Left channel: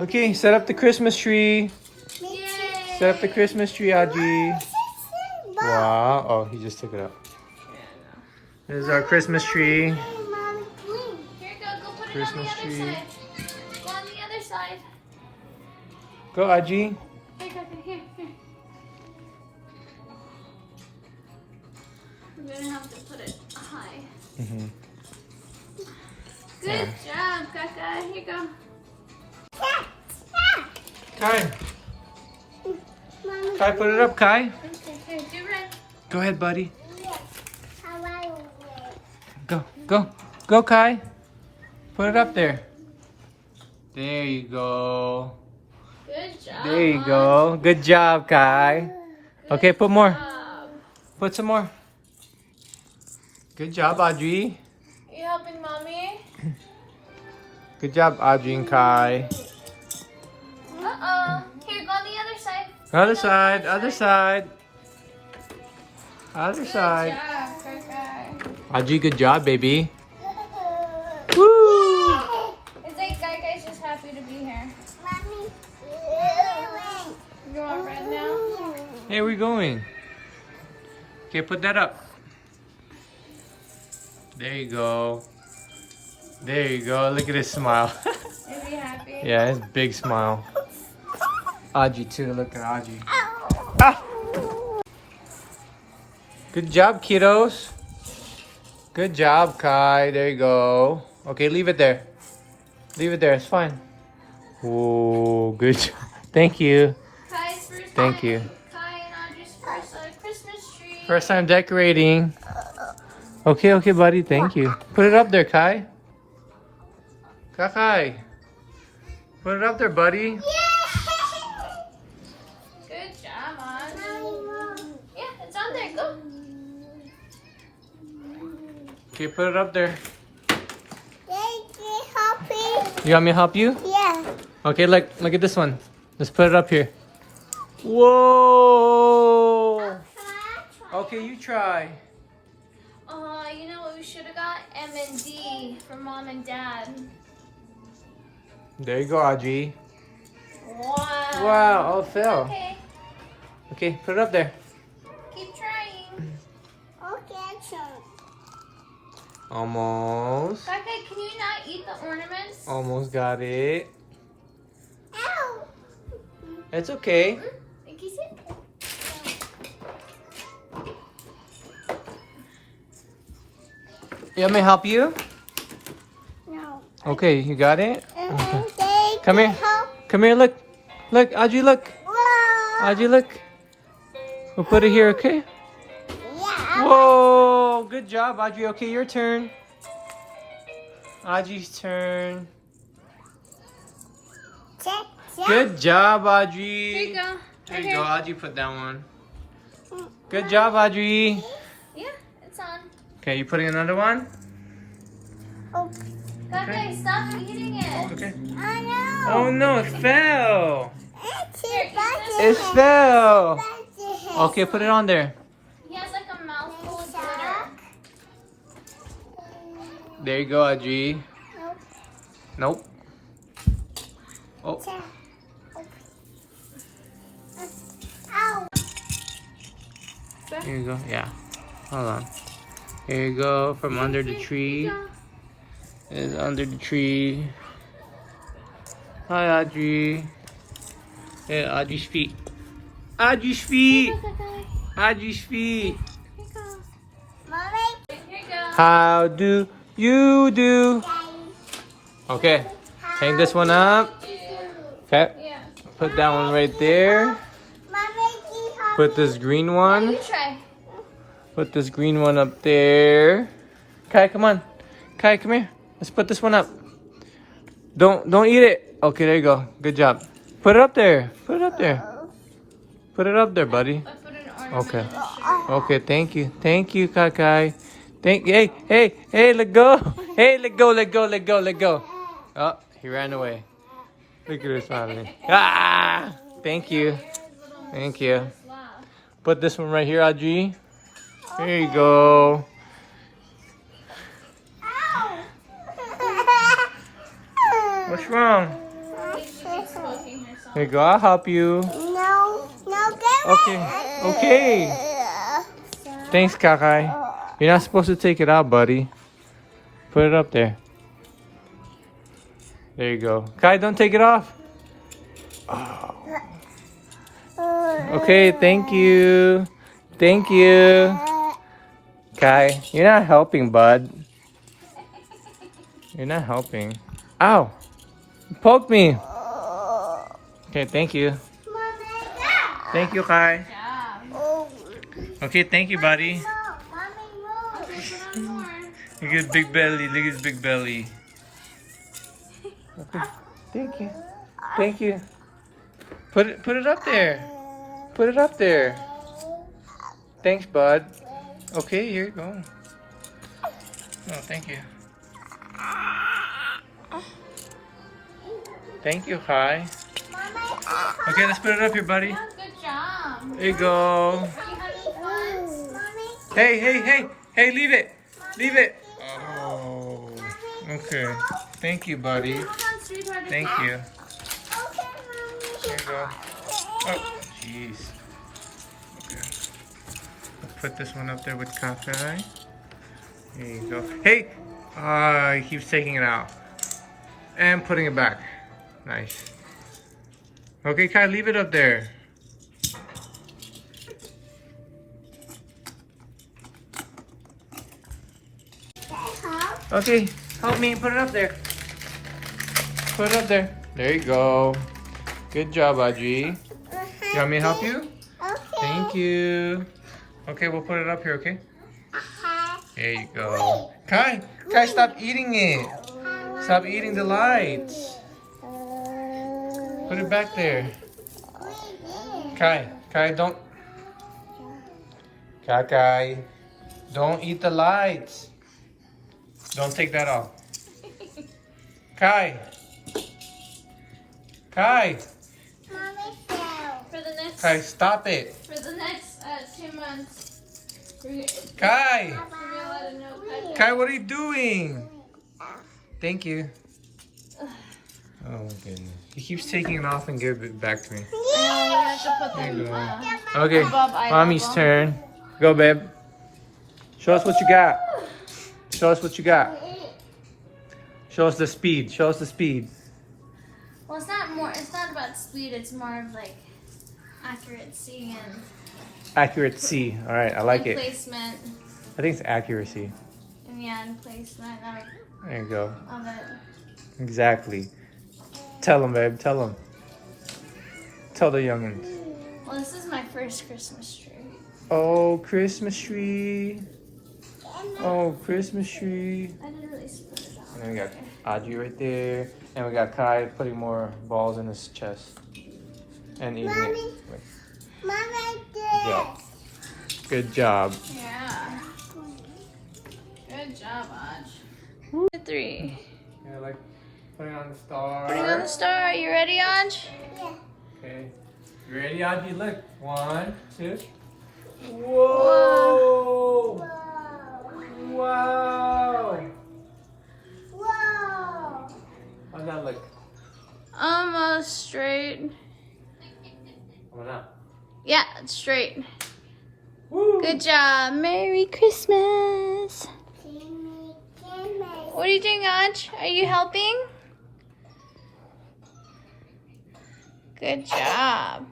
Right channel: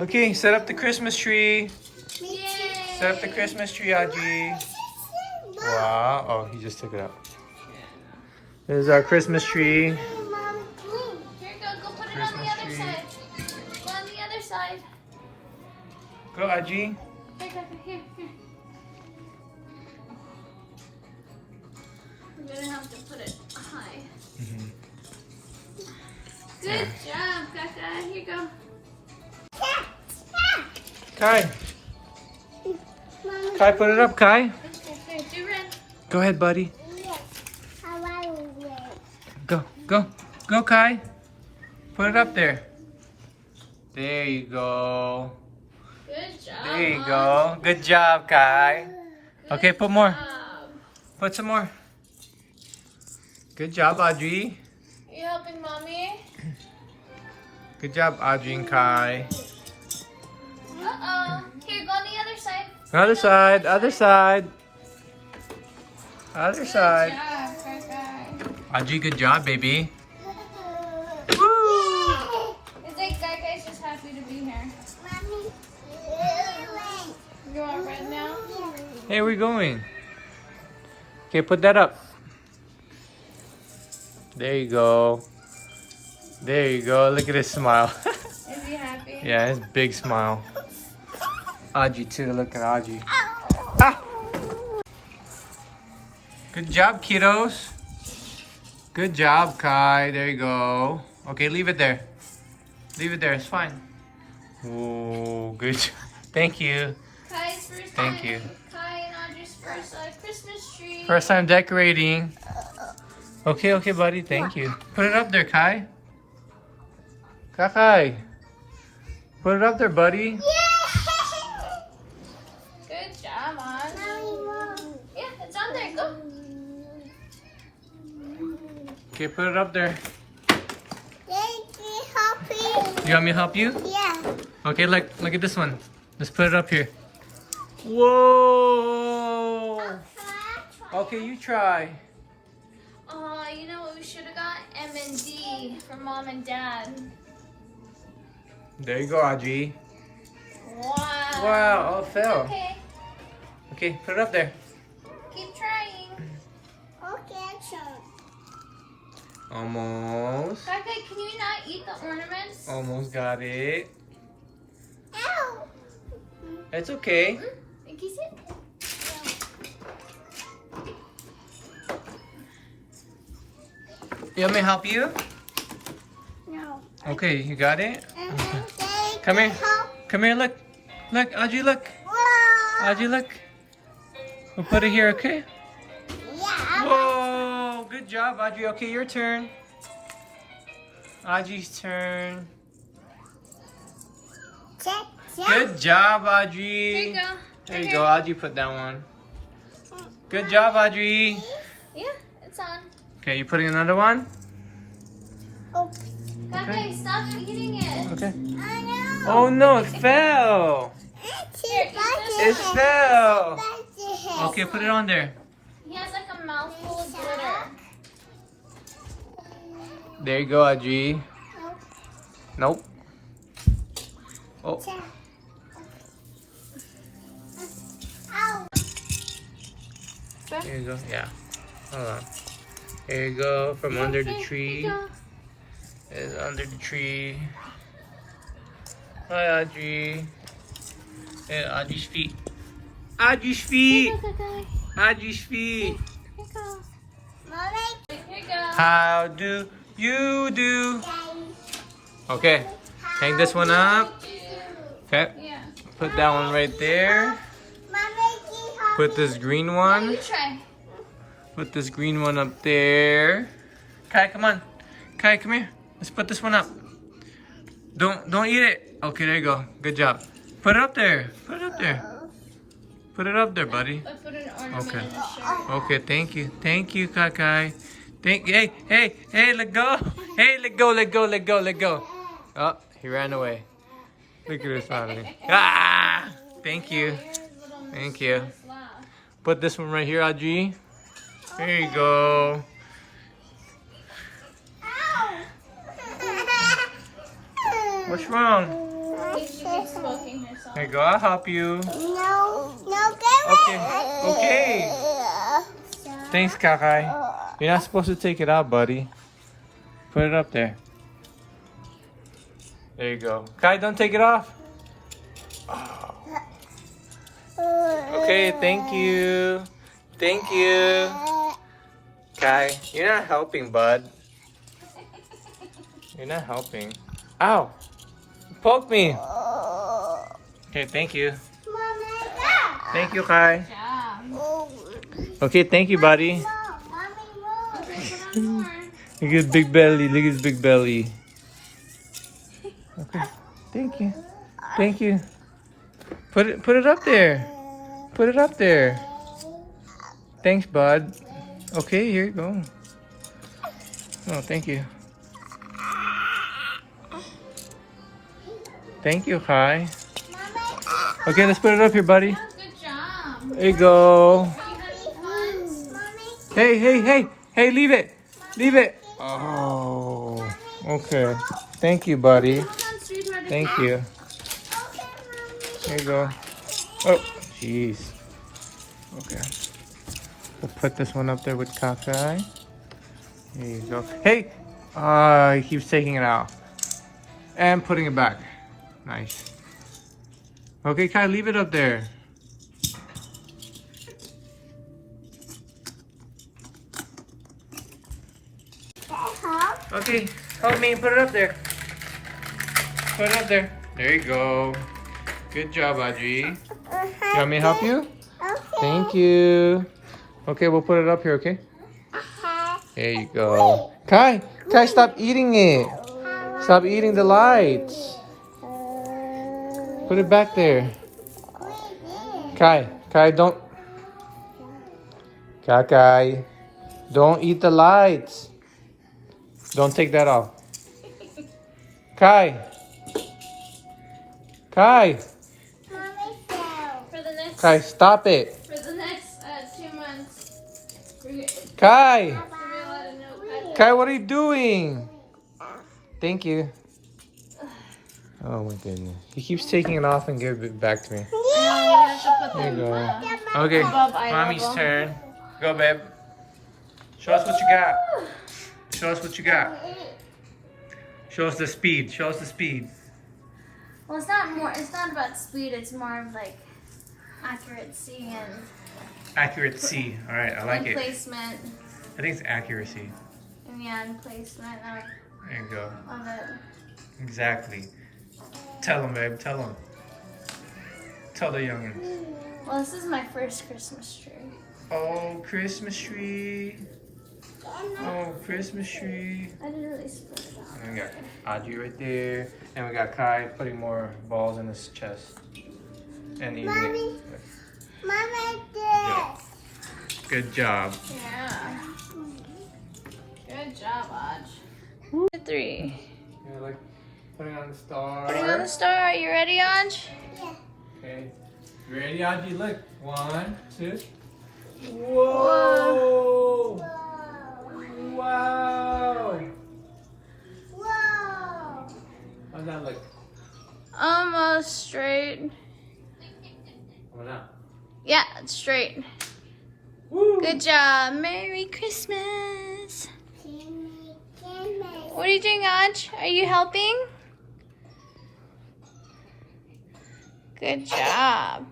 Okay, set up the Christmas tree. Yay. Set up the Christmas tree, Audrey. Wow. Oh, he just took it out. There's our Christmas tree. Here you go. Go put it Christmas on the other tree. side. Go on the other side. Go, Audrey. Here. You're gonna have to put it high. Good job, Kaka. Here you go. Kai. Kai, put it up, Kai. Here, do run. Go ahead, buddy. Go, Kai. Put it up there. There you go. Good job. There you go. Good job, Kai. Okay, put more. Job. Put some more. Good job, Audrey. You helping mommy? Good job, Audrey and Kai. Uh-oh. Here, go on the other side. Other side, other side. Other side. Good job, Kaka. Audrey, good job, baby. Woo! It's like Kaka's just happy to be here. You want red now? Hey, we're going. Okay, put that up. There you go. There you go. Look at his smile. Is he happy? Yeah, his big smile. Audrey too. Look at Audrey. Ah! Good job, kiddos. Good job, Kai. There you go. Okay, leave it there. Leave it there. It's fine. Whoa, good. Thank you. Kai's first Thank time. you. Kai and Audrey's first Christmas tree. First time decorating. Okay, buddy. Thank you. Put it up there, Kai. Kai. Put it up there, buddy. Good job, Audrey. Yeah, it's on there. Go. Okay, put it up there. You want me to help you? Yeah. Okay, look at this one. Let's put it up here. Whoa! Okay, you try. You know what we should have got? M&D from mom and dad. There you go, Audrey. Wow. Wow, oh, it fell. Okay, Okay, put it up there. keep trying. Okay, Almost. Kaka, can you not eat the ornaments? Almost got it. Ow. It's okay. Think he's it? You want me to help you? No. Okay, you got it? Okay. Come here. Come here, look. Look, Audrey, look. Whoa. Audrey, look. We'll put it here, okay? Yeah. Whoa, good job, Audrey. Okay, your turn. Audrey's turn. Check. Good job, There Audrey. you go. There you go, Audrey, put that one. Good job, Audrey. Yeah, it's on. Okay, you putting another one? Oh. Kaka, stop eating it. Okay. I know. Oh no, it fell. It's Here, eat this. It fell. Okay, put it on there. He has like a mouthful of glitter. There you go, Audrey. Nope. Oh. Ow. Here you go. Yeah. Hold on. Here you go. From under the tree. It's under the tree. Hi, Audrey. Yeah, Audrey's feet. Audrey's feet. Audrey's feet. Mommy. Here you go. How do you do? Okay. Hang this one up. Okay. Yeah. Put that one right there. Mommy, Put this green You one. try. Put this green one up there. Kai, come on. Kai, come here. Let's put this one up. Don't eat it. Okay, there you go. Good job. Put it up there. Put it up there. Put it up there, buddy. I put an ornament Okay. in the shirt. Okay, thank you. Thank you, Kai. Hey, let go. Hey, let go. Oh, he ran away. Look at this family. Ah! Thank you. Thank you. Laugh. Put this one right here, Audrey. There you go. Ow. What's wrong? she's smoking herself. Here you go. I'll help you. No, get Okay. it. Okay. Thanks, Kakai. You're not supposed to take it out, buddy. Put it up there. There you go. Kai, don't take it off. Okay, thank you. Thank you. Kai, you're not helping, bud. You're not helping. Ow! You poked me. Okay, thank you. Thank you, Kai. Yeah. Okay, thank you, buddy. Look at his big belly. Look at his big belly. Thank you. Thank you. Put it up there. Put it up there. Thanks, bud. Okay, here you go. Oh, thank you. Thank you, Kai. Okay, let's put it up here, buddy. Good job. There you go. Are you having fun? Hey, leave it. Leave it. Oh, okay. Thank you, buddy. Come on, sweetheart. Thank you. There you go. Oh, jeez. Okay. We'll put this one up there with Kakai. There you go. Hey! He keeps taking it out. And putting it back. Nice. Okay, Kai, leave it up there. Okay, help me. Put it up there. Put it up there. There you go. Good job, Audrey. You want me to help you? Thank you. Okay, we'll put it up here, okay? There you go. Kai, stop eating it. Stop eating the lights. Put it back there. Kai, don't. Kai, don't eat the lights. Don't take that off. Kai. Kai, stop it. For the next 2 months. Kai, what are you doing? Thank you. Oh my goodness. He keeps taking it off and giving it back to me. There you go. Okay, Mommy's turn. Go, babe. Show us what you got. Show us what you got. Show us the speed. Show us the speed. Well, it's not about speed. It's more of like accuracy and Accuracy. All right, I like and it. placement. I think it's accuracy. And yeah, and placement There you go. of it. Exactly. Tell them, babe. Tell them. Tell the youngins. Well, this is my first Christmas tree. Oh, Christmas tree. Oh, Christmas tree. I didn't really split it out. And we got Audrey right there. And we got Kai putting more balls in his chest. And eating it. Mommy, Good job. Yeah. Good job, Aj. 3. Yeah, like putting on the star. Putting on the star. Are you ready, Aj? Okay. You ready, Audrey? Look. 1, 2. Whoa! Wow! How's that look? Almost straight. How about that? Yeah, it's straight. Woo! Good job. Merry Christmas. What are you doing, Aj? Are you helping? Good job.